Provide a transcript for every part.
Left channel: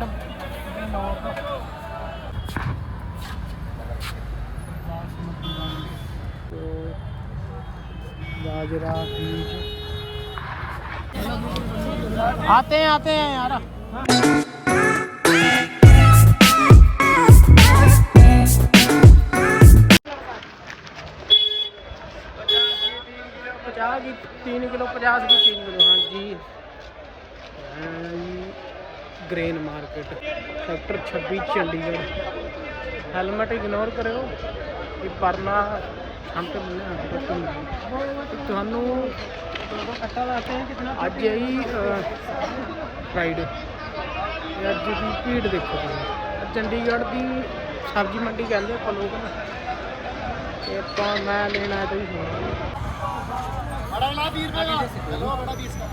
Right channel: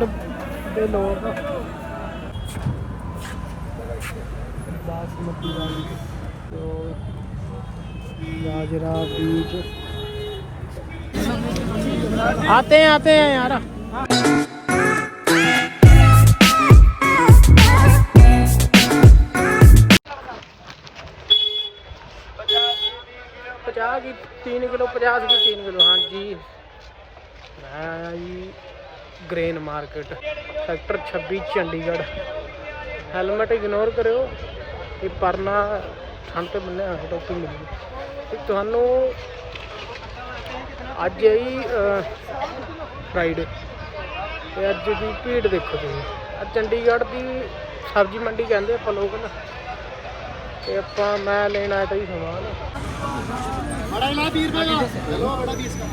ਪਿੰਡ ਦੇ ਲੋਕ ਬਾਸਮਤੀ ਵਾਲੀ राजरा बीज आते हैं आते हैं यार पचास की तीन किलो पचास की तीन किलो हाँ जी grain market, sector 26 Chandigarh. Helmet ignore ਕਰਿਓ, ਇਹ ਪਰਨਾ ਹੰਤ ਬੰਨਾ ਰੋਟੀ ਮਿਲੀ। ਤੇ ਤੁਹਾਨੂੰ ਅੱਜ ਹੀ ਫਰਾਈਡੇ ਤੇ ਅੱਜ ਦੀ ਭੀੜ ਦੇਖੋ ਤੁਸੀਂ। ਚੰਡੀਗੜ੍ਹ ਦੀ ਸਬਜ਼ੀ ਮੰਡੀ ਕਹਿੰਦੇ ਆਪਾਂ ਲੋਕ ਨਾ। ਤੇ ਆਪਾਂ ਮੈਂ ਲੈਣਾ ਕੋਈ ਸਮਾਨ। ਬੜਾ ਨਾ 20 ਰੁਪਏ ਦਾ ਬੜਾ 20 ਦਾ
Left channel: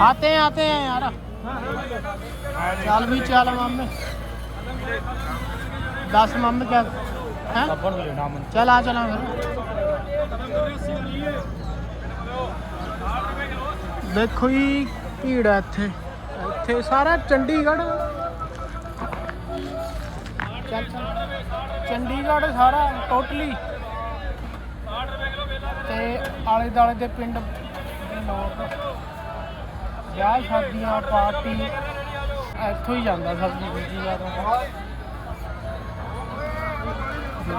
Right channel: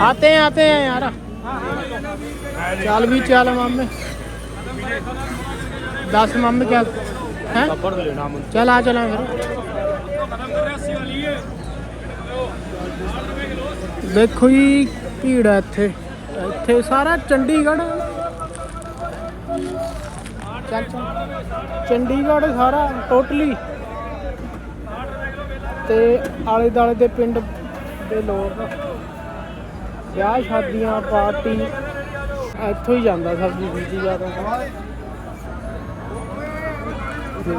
आते हैं आते हैं यार चाल भी चाल मामे दस मामे क्या है चल आ चला फिर देखो जी भीड़ है इतने इतने सारा चंडीगढ़ ਚੱਲ ਚੱਲ। ਚੰਡੀਗੜ੍ਹ ਸਾਰਾ ਟੋਟਲੀ ਤੇ ਆਲੇ ਦਾਲੇ ਦੇ ਪਿੰਡ ਦੇ ਲੋਕ, ਵਿਆਹ ਸ਼ਾਦੀਆਂ ਪਾਰਟੀ ਇੱਥੋਂ ਹੀ ਜਾਂਦਾ ਸਬਜ਼ੀ ਬੀਜੀ ਜ਼ਿਆਦਾ। ਤੇ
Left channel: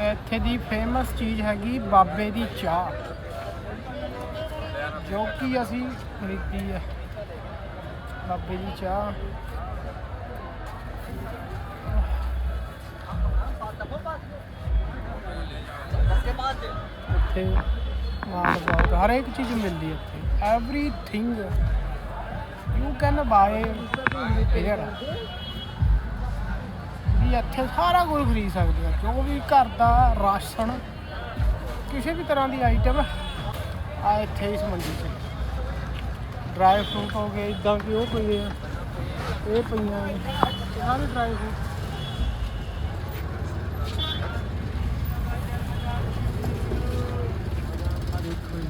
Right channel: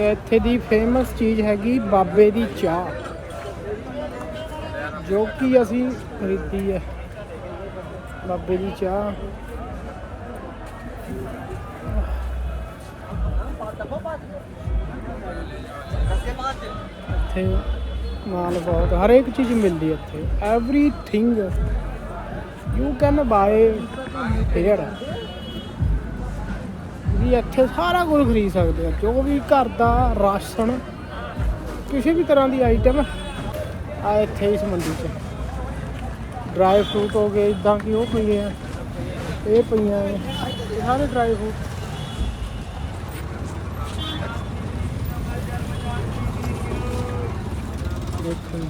ਇੱਥੇ ਦੀ ਫੇਮਸ ਚੀਜ਼ ਹੈਗੀ ਬਾਬੇ ਦੀ ਚਾਹ, ਜੋ ਕਿ ਅਸੀਂ ਖਰੀਦੀ ਹੈ। ਬਾਬੇ ਦੀ ਚਾਹ। ਇੱਥੇ ਮਾਲ ਬਹੁਤ, ਹਰੇਕ ਚੀਜ਼ ਮਿਲਦੀ ਹੈ ਇੱਥੇ। Everything you can buy here ਵੀ ਇੱਥੇ ਸਾਰਾ ਕੁਝ ਖਰੀਦ ਸਕਦੇ ਹੋ ਜੋ ਵੀ ਘਰ ਦਾ ਰਾਸ਼ਨ, ਕਿਸੇ ਵੀ ਤਰ੍ਹਾਂ ਦੀ ਆਈਟਮ ਆ ਇੱਥੇ ਇਸ ਮੰਡੀ 'ਚ। ਡਰਾਈ ਫਰੂਟ ਹੋ ਗਏ ਇਦਾਂ ਕਿ ਉਹ ਪਈਏ ਆ, ਇਹ ਪਈਆਂ ਨੇ ਸਾਰੇ ਡਰਾਈ ਫਰੂਟ ਦੇਖੋ ਜੀ।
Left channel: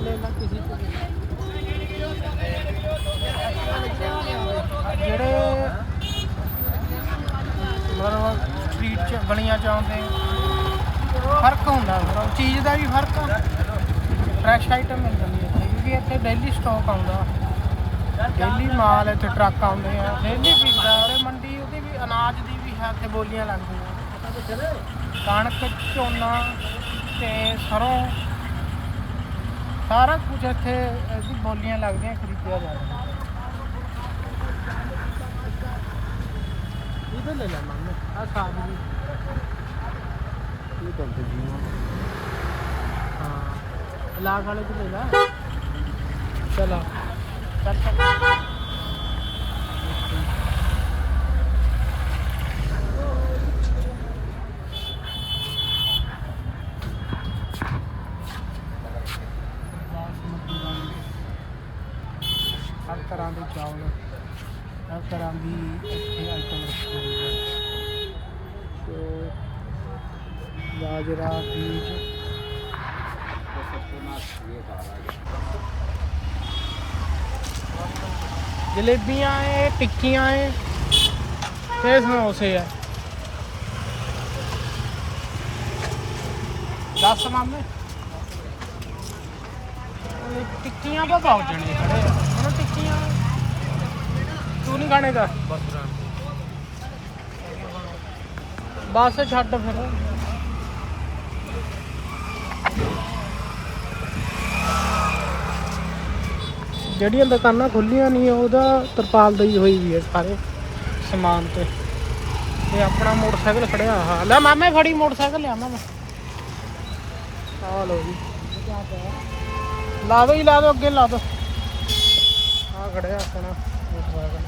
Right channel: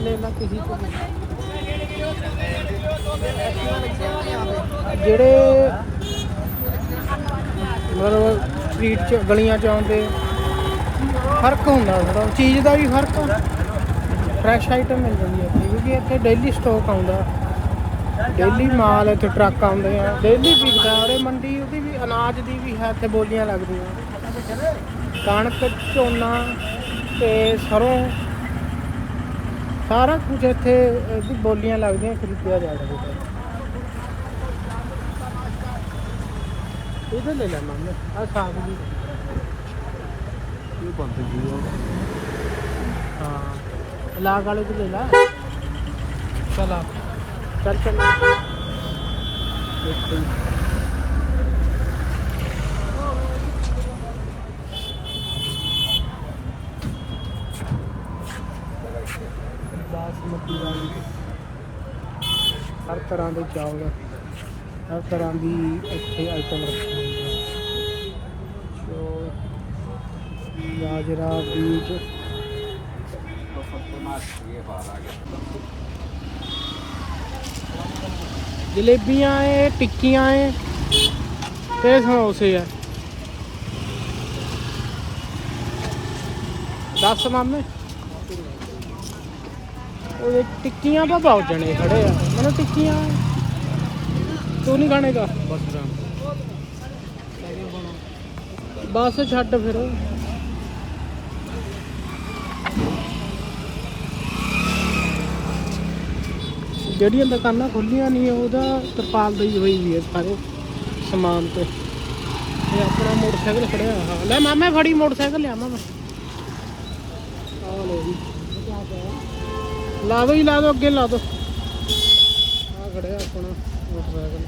ਚੱਲ ਲੈਣਾ ਕਿਸੇ ਤੋਂ ਵੀ। ਜਿਹੜੇ ਮਤਲਬ ਸਟਰੀਟ ਚ ਗਲੀਆਂ ਚ ਆਉਂਦੇ, ਫ਼ਰਕ ਹੁੰਦਾ ਥੋੜਾ ਚੀਜ਼ ਦਾ ਵੀ ਫ਼ਰਕ ਹੁੰਦਾ। ਫਰੈਸ਼ ਆਈਟਮ ਮਿਲ ਜਾਂਦੀ ਹੈ ਕਿਉਂਕਿ ਇੱਥੇ ਡੇਲੀ ਸਟਾਕ ਆਉਂਦਾ। ਡੇਲੀ ਮਾਲ ਇੱਥੇ ਟਰੱਕ ਆਉਂਦੇ ਆ। ਡੇਲੀ ਵਿਕਦਾ। ਔਰ ਮੰਡੀ ਉਹਦੀ ਵੀ, ਅਨਾਜ ਦੀ ਵੀ ਹੈ ਤੇ ਬੋਲੀਆਂ ਲੱਗਦੀਆਂ। ਕਣਕ, ਝੋਨਾ ਤੇ ਸਰੋਂ। ਸਾਰਾ ਕੁਝ ਇੱਥੇ ਬੋਲੀਆਂ ਲੱਗਦੀਆਂ ਖਰੀਦਿਆ ਜਾ ਸਕਦਾ ਇਹਦੇ ਲੈ ਲੈਣਾ ਮੈਂ ਆ ਸਾਗ ਵੀ ਇਹ ਬੰਦ ਜੀ ਹਾਂ ਲਾਗ ਵਾਲੇ ਤੋਂ ਲੈ ਲਾ। ਚਲਾ ਚੱਲ ਚੱਲ ਦੇਖੋ ਜੀ। ਬਾਸਮਤੀ ਵਾਲੀ ਹਰ ਤਰ੍ਹਾਂ ਦੇ ਚਾਵਲ ਹਰ ਤਰ੍ਹਾਂ ਦੀ ਇੱਥੇ ਆਈਟਮ ਰੱਖੀ ਰਾਜਰਾ ਬੀਜ ਜਲੇਬੀਆਂ ਏ ਟਿੱਕੀਆਂ ਏ ਤੇ ਸਮੋਸੇ ਆ ਦਸ ਮਾਮੇ ਇਹ ਟਿੱਕੀਆਂ ਤਾਂ ਬਹੁਤ ਜਣੇ ਖੜੇ ਆ। ਮੈਨੂੰ ਟਿੱਕੀਆਂ। ਤੂੰ ਨਹੀਂ ਖਾਣੇ ਦਾ? ਬਸ ਛੱਡ ਫਿਰ। ਜਿਹੜੀਆਂ ਦੁਕਾਨਾਂ ਖੁੱਲੀਆਂ ਨਹੀਂ ਉਹਦਾ ਤਰਪਾਲ ਦਈ ਹੋਈ ਵੀ ਹੈ ਸਾਰੇ ਸਮਾਨ ਤੇ। ਤੇ ਆਪਣਾ ਮੋਟਰਸਾਈਕਲ ਖੜਿਆ ਆ। ਲੈ ਮਾਮੇ ਫੜੀ ਮੋਟਰਸਾਈਕਲ ਲਿਆਵਾਂ ਮੈਂ ਆ ਲੋ ਜੀ। ਲਾ ਦੋ ਹੀ ਲਾ ਦੋ ਅੱਗੇ ਲਾ ਦੋ। ਆ ਖੜਿਆ ਆਪਣਾ ਮੋਟਰਸਾਈਕਲ।